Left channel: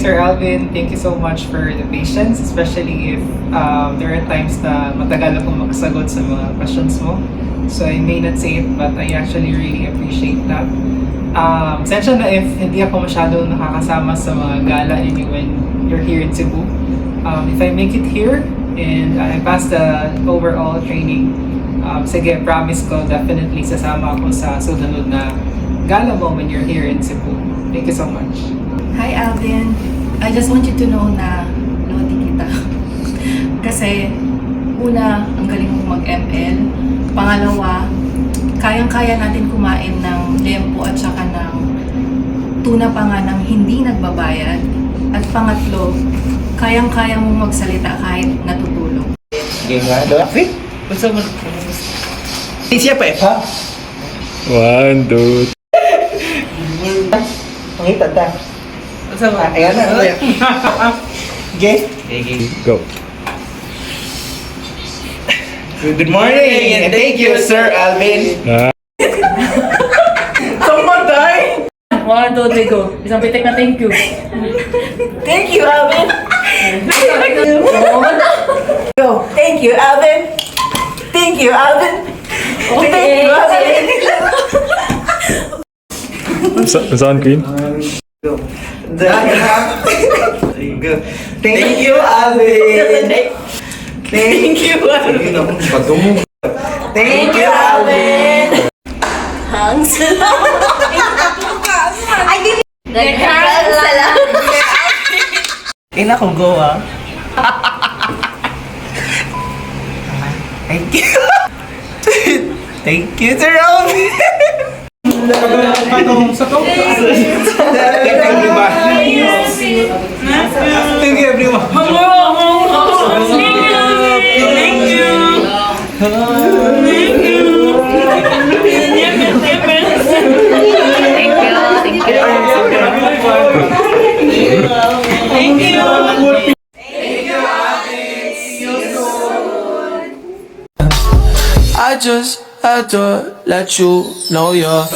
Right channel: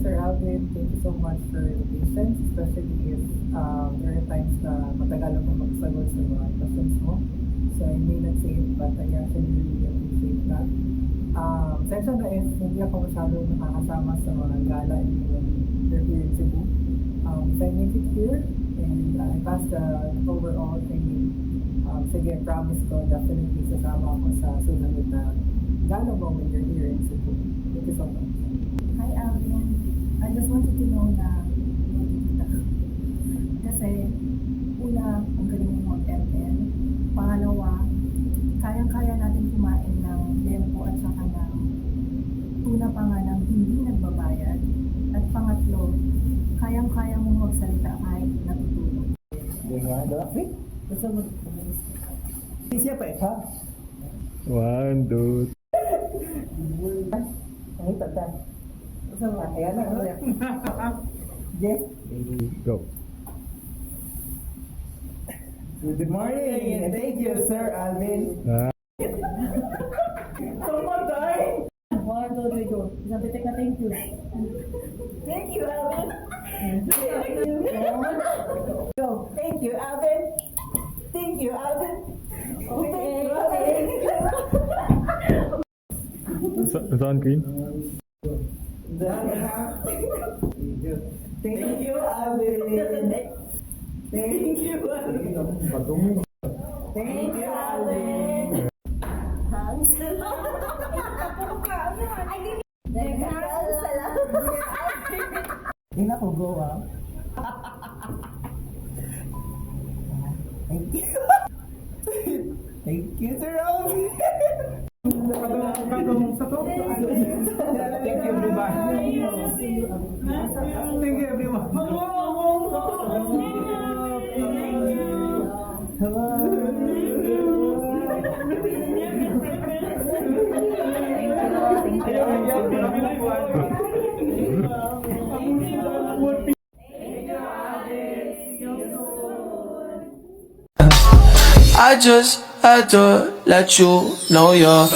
Sir Alvin. Thank you so much for the patience, especially if there are times na matagal akong makasagot sa mga questions mo. So I may not say it, but I actually really appreciate that. Sensya na if hindi ako masyado nakakasama sa mga gala ninyo when you're here in Cebu. If I make it here and I pass the overall training, sige, promise ko definitely sasama ako sa susunod na gala mo when you're here in Cebu. Thank you so much. Hi Alvin, I just want you to know na lodi kita. Kasi una, ang galing mong mag-ML. Pangalawa, kayang-kaya natin kumain ng lempo at saka ng tuna pa nga ng hindi nagbabayad. At pangatlo, kayang-kaya mong magsalita kahit natutulog. Game nga, Dafi? Gusto mo? Siya pa ha? 1, 2, Pangita ta. Gusto mo? Ayan na. Okay? go. Good morning and thank you, Sir Alvin. Someday! 1, 2, 3, go. Isang pitik na thank you. Thank you, Alvin. Go. Thank you, Alvin. Thank you, Alvin. Thank you, Alvin. Saan, Queen? Go. Go. Thank you, Alvin. Thank you, Alvin. Thank you, Alvin. Hangs. Nag-hangs lang. Ina ko, go ah. Thank you. Thank you, Sir Alvin. Thank you, everyone. I just had to let you know you're